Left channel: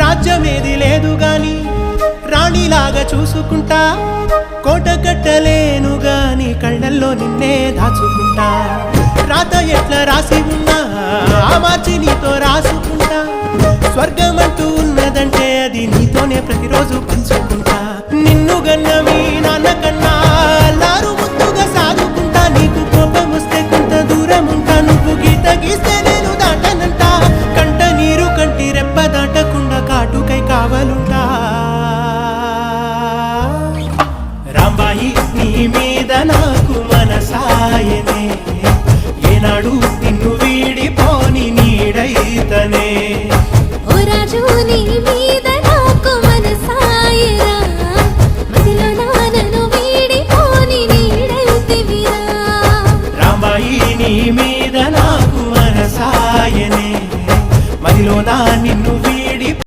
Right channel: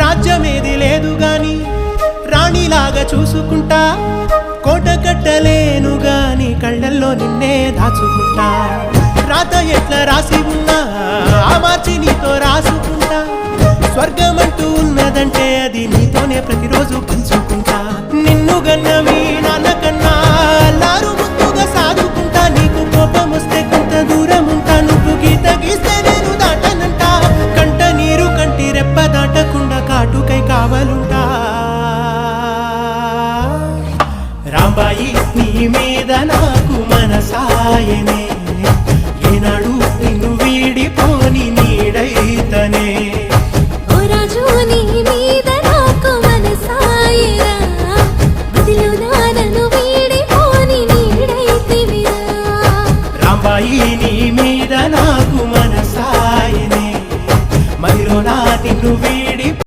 రాజ్యమేది లేదు గాని రాణిలాగా చూసుకుంటా, కోట కట్టలేను గాని కళ్ళల్లో నిన్నే దాచుకుంటా. రాత ఎట్లా రాసి ఉన్నా ఆ మార్చి నీతో రాసుకుంటా. స్వర్గమంటూ ఉన్నదంటే అది నీతోనే ప్రతిరోజు పంచుకుంటా. నిన్ను గన్న మీ నాన్న కన్నా అల్లారు ముద్దుగా సాదుకుంటా. నీకు కోపం వస్తే కొంత దూరం ఉంటా, నువ్వు గీత గీస్తే నేను దాటనంటా. కంట నీరు కంటి రెప్ప దాటకుండా కాటుకై కావలుంటా. రాంబాయి నీ మీద నాకు మనసాయనే,